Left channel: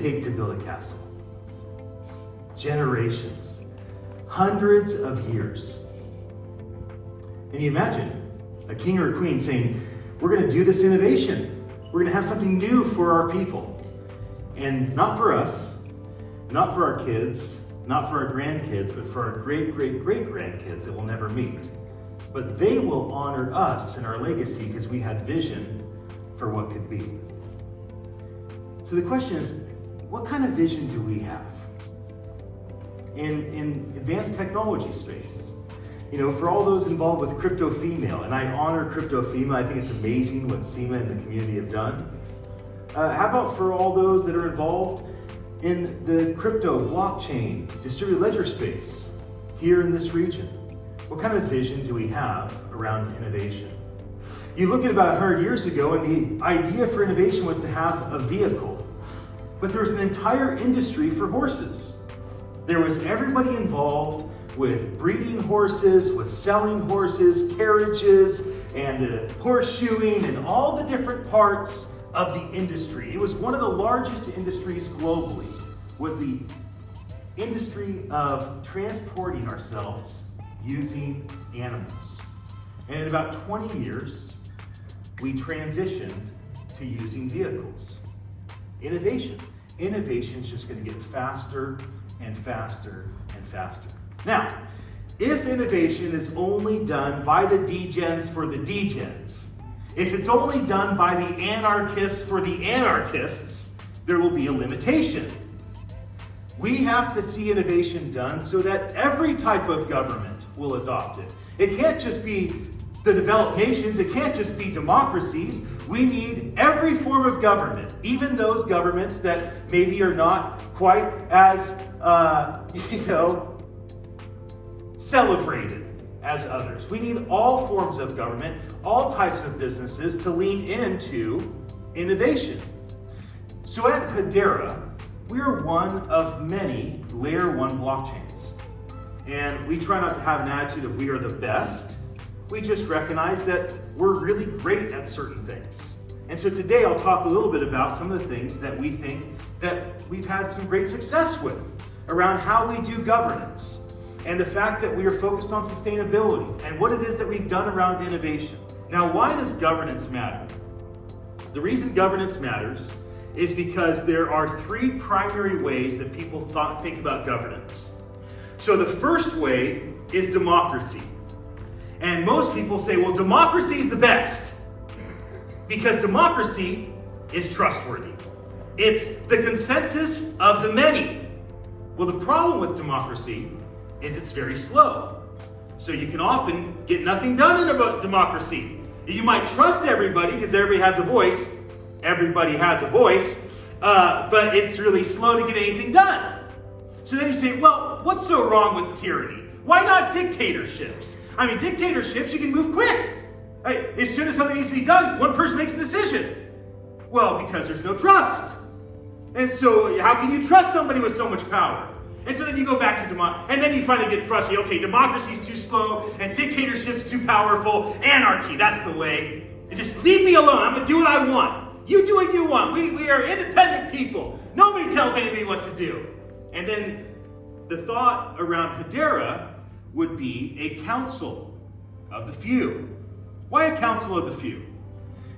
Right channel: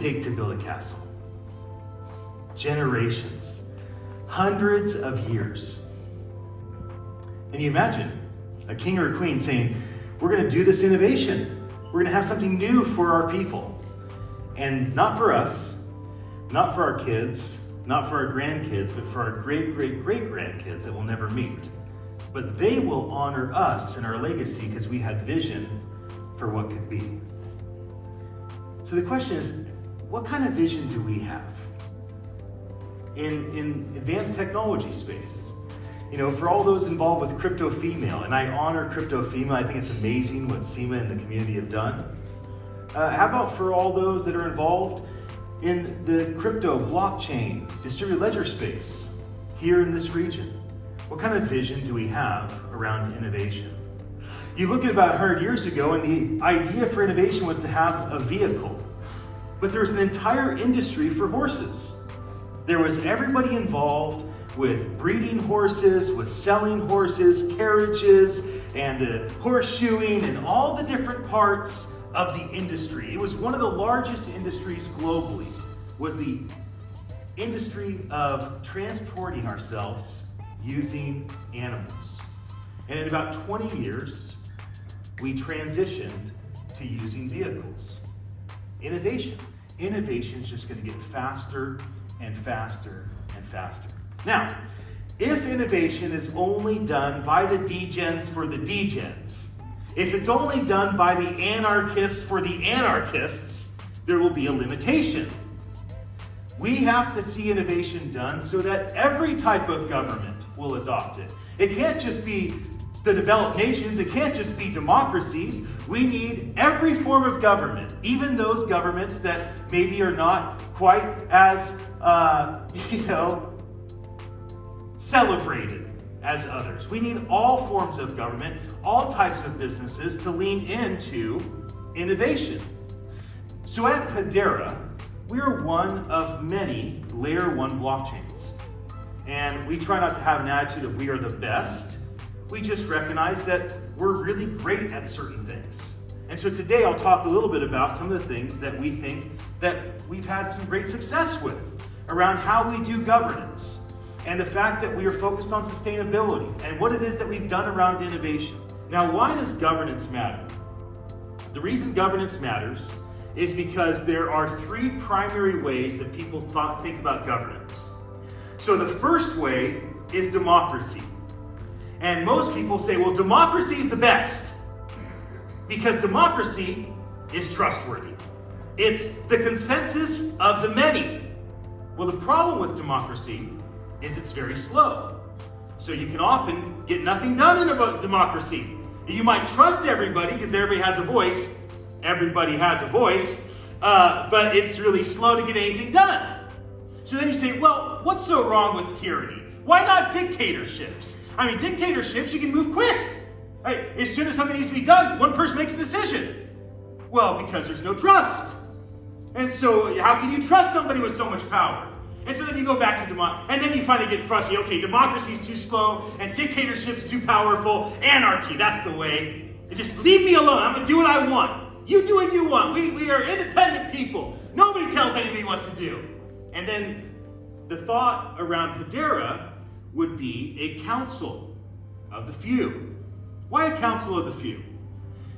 take to build a castle? Generations, hundreds of years. And you imagine a king or a queen saying, we're going to do this innovation. We're going to have something new for our people. And not for us, not for our kids, not for our grandkids, but for our great-great-great-grandkids that we'll never meet. But they will honor us and our legacy because we had vision for what could be. So the question is, what kind of vision do we have in advanced technology space? You know, for all those involved with Crypto Female, and I honor Crypto Female, I think it's amazing what SEMA and the community have done. How about for all those that are involved in the crypto, blockchain, distributed ledger space here in this region? What kind of vision do we have around innovation? You look at about 100 years ago, and the idea for innovation was to have a vehicle. But there was an entire industry for horses. There was everybody involved with breeding horses, with selling horses, carriages, and the horseshoeing, and all the different parts of the industry. It was one of the largest industries globally, was the industry of transporting ourselves using animals. And in about 20 years, we transitioned to using vehicles. Innovation. Innovation is just going to get faster and faster and faster. Now, if innovation is only done by the degens for the degens, if it's only done by the anarchists for the anarchists, there will be a limitation. We have to see innovation done so that every type of government will adopt it. It can't just be the developed nations, it can't just be democracies. We need every form of government, even those governments that maybe are not quite as, celebrated as others. We need all forms of government, all types of businesses to lean into innovation. So at Hedera, we are one of many layer 1 blockchains. And we try not to have an attitude of we are the best. We just recognize that we're really great at certain things. And so today I'll talk a little bit about some of the things that we think that we've had some great success with around how we do governance and the fact that we are focused on sustainability and what it is that we've done around innovation. Now, why does governance matter? The reason governance matters is because there are 3 primary ways that people think about governance. So the first way is democracy. And most people say, well, democracy is the best because democracy is trustworthy. It's the consensus of the many. Well, the problem with democracy is it's very slow. So you can often get nothing done in a democracy. You might trust everybody because everybody has a voice. Everybody has a voice, but it's really slow to get anything done. So then you say, well, what's so wrong with tyranny? Why not dictatorships? I mean, dictatorships, you can move quick. As soon as something needs to be done, one person makes a decision. Well, because there's no trust. And so how can you trust somebody with so much power? And so then you go back to democracy, and then you finally get frustrated. Okay, democracy is too slow, and dictatorship is too powerful. Anarchy, that's the way. Just leave me alone. I'm going to do what I want. You do what you want. We are independent people. Nobody tells anybody what to do. And then the thought around Hedera would be a council of the few. Why a council of the few?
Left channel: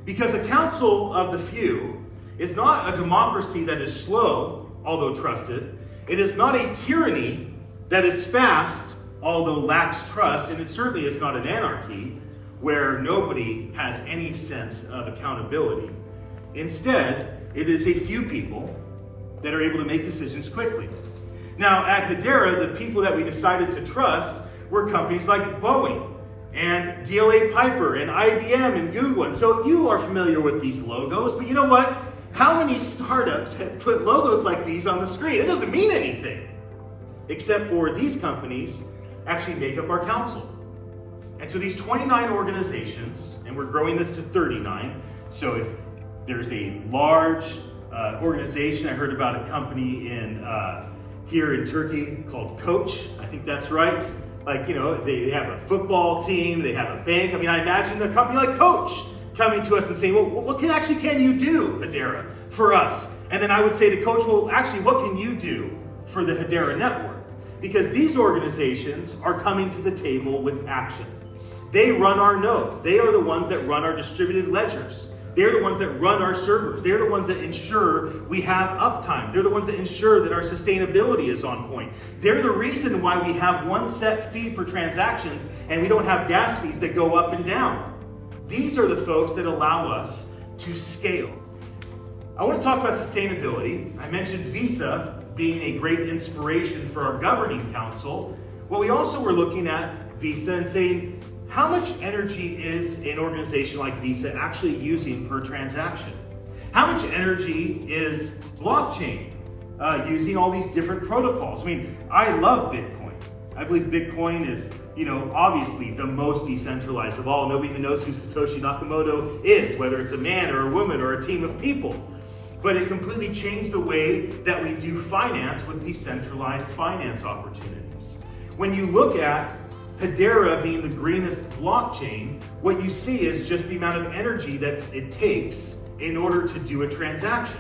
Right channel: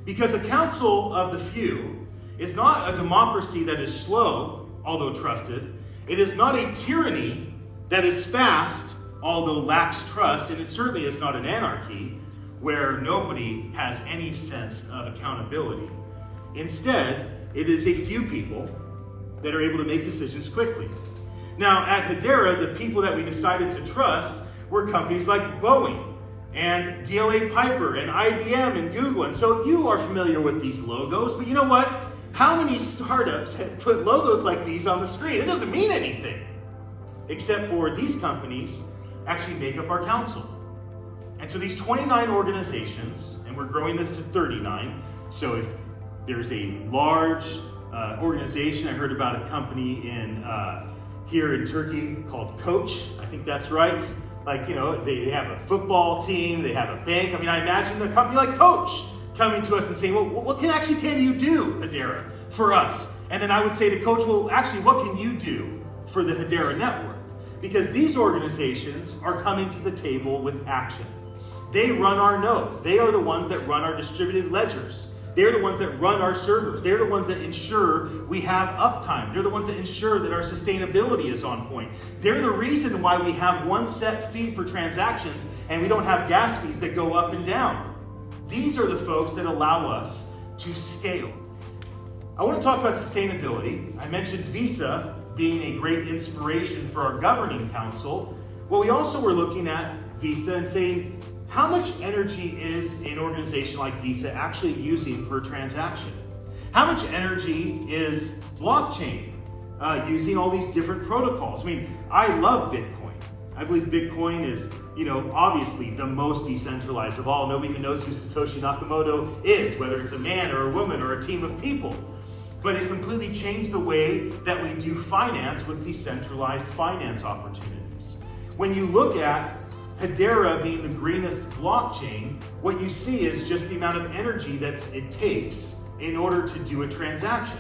Because a council of the few is not a democracy that is slow, although trusted. It is not a tyranny that is fast, although lacks trust, and it certainly is not an anarchy where nobody has any sense of accountability. Instead, it is a few people that are able to make decisions quickly. Now, at Hedera, the people that we decided to trust were companies like Boeing and DLA Piper and IBM and Google. And so you are familiar with these logos, but you know what? How many startups have put logos like these on the screen? It doesn't mean anything, except for these companies actually make up our council. And so these 29 organizations, and we're growing this to 39, so if there's a large organization, I heard about a company here in Turkey called Coach, I think that's right. Like, they have a football team, they have a bank. I mean, I imagine a company like Coach coming to us and saying, well, what can you do, Hedera, for us? And then I would say to Coach, well, actually, what can you do for the Hedera network? Because these organizations are coming to the table with action. They run our nodes. They are the ones that run our distributed ledgers. They're the ones that run our servers. They're the ones that ensure we have uptime. They're the ones that ensure that our sustainability is on point. They're the reason why we have one set fee for transactions and we don't have gas fees that go up and down. These are the folks that allow us to scale. I want to talk about sustainability. I mentioned Visa being a great inspiration for our governing council. Well, we also were looking at Visa and saying, how much energy is an organization like Visa actually using per transaction? How much energy is blockchain using all these different protocols? I mean, I love Bitcoin. I believe Bitcoin is, obviously the most decentralized of all. Nobody even knows who Satoshi Nakamoto is, whether it's a man or a woman or a team of people. But it completely changed the way that we do finance with decentralized finance opportunities. When you look at Hedera being the greenest blockchain, what you see is just the amount of energy that it takes in order to do a transaction.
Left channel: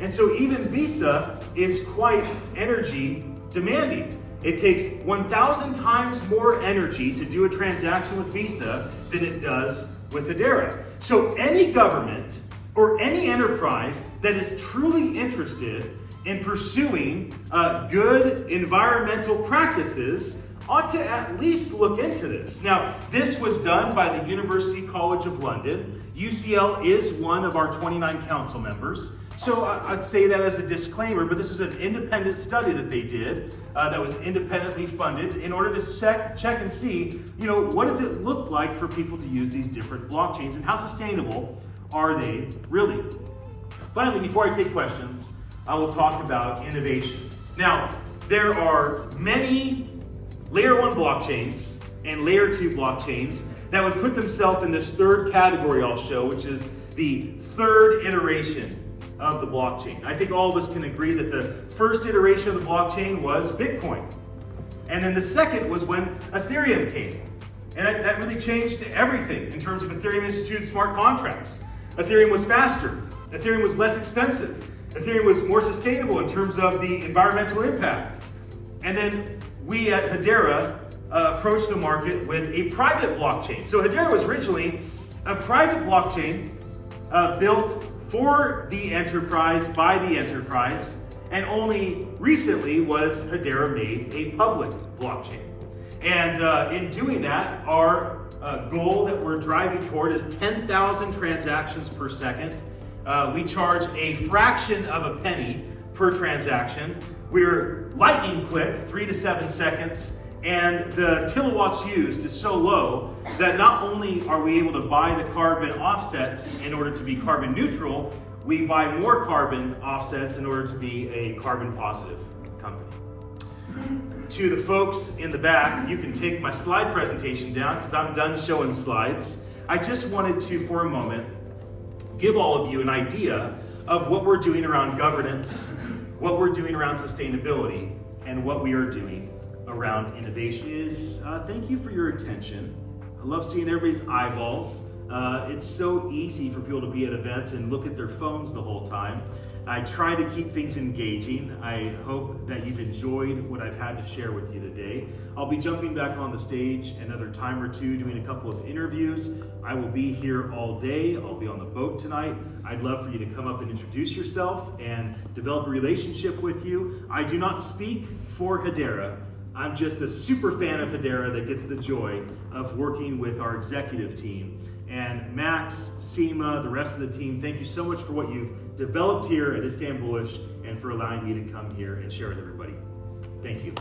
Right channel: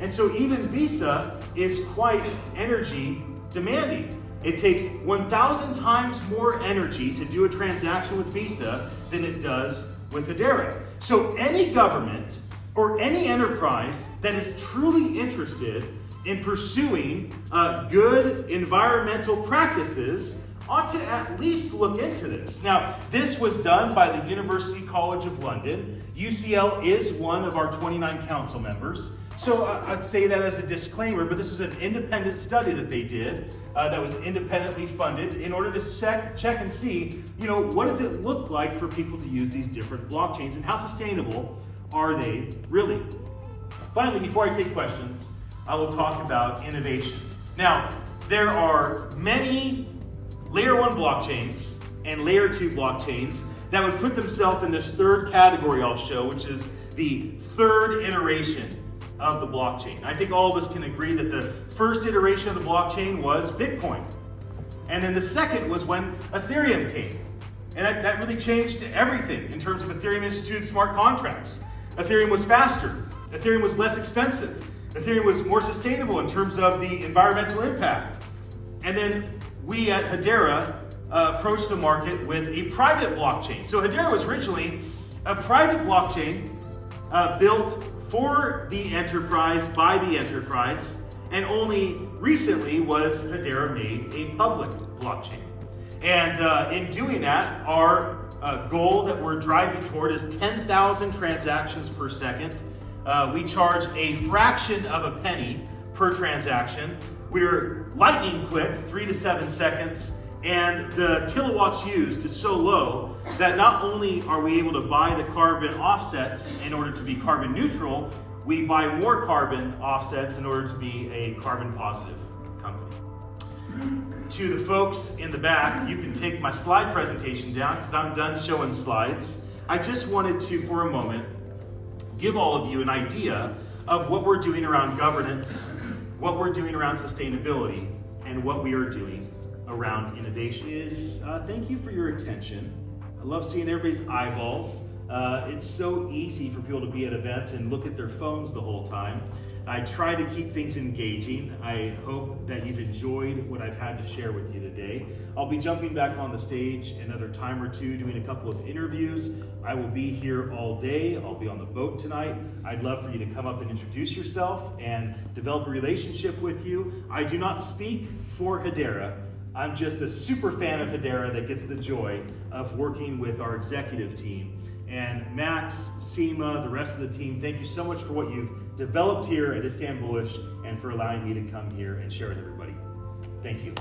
And so even Visa is quite energy demanding. It takes 1,000 times more energy to do a transaction with Visa than it does with Hedera. So any government or any enterprise that is truly interested in pursuing good environmental practices ought to at least look into this. Now, this was done by the University College of London. UCL is one of our 29 council members. So I'd say that as a disclaimer, but this was an independent study that they did that was independently funded in order to check and see, what does it look like for people to use these different blockchains and how sustainable are they really? Finally, before I take questions, I will talk about innovation. Now, there are many Layer 1 blockchains and Layer 2 blockchains that would put themselves in this third category I'll show, which is the third iteration of the blockchain. I think all of us can agree that the first iteration of the blockchain was Bitcoin. And then the second was when Ethereum came. And that really changed everything in terms of Ethereum instituted smart contracts. Ethereum was faster. Ethereum was less expensive. Ethereum was more sustainable in terms of the environmental impact. And then we at Hedera approached the market with a private blockchain. So Hedera was originally a private blockchain built for the enterprise, by the enterprise, and only recently was Hedera made a public blockchain. And in doing that, our goal that we're driving toward is 10,000 transactions per second. We charge a fraction of a penny per transaction. We're lightning quick, 3 to 7 seconds, and the kilowatts used is so low that not only are we able to buy the carbon offsets in order to be carbon neutral, we buy more carbon offsets in order to be a carbon positive company. To the folks in the back, you can take my slide presentation down because I'm done showing slides. I just wanted to, for a moment, give all of you an idea of what we're doing around governance, what we're doing around sustainability, and what we are doing around innovation. Thank you for your attention. I love seeing everybody's eyeballs. It's so easy for people to be at events and look at their phones the whole time. I try to keep things engaging. I hope that you've enjoyed what I've had to share with you today. I'll be jumping back on the stage another time or two, doing a couple of interviews. I will be here all day. I'll be on the boat tonight. I'd love for you to come up and introduce yourself and develop a relationship with you. I do not speak for Hedera. I'm just a super fan of Hedera that gets the joy of working with our executive team. And Max, Seema, the rest of the team, thank you so much for what you've developed here at Istanbullish and for allowing me to come here and share with everybody. Thank you.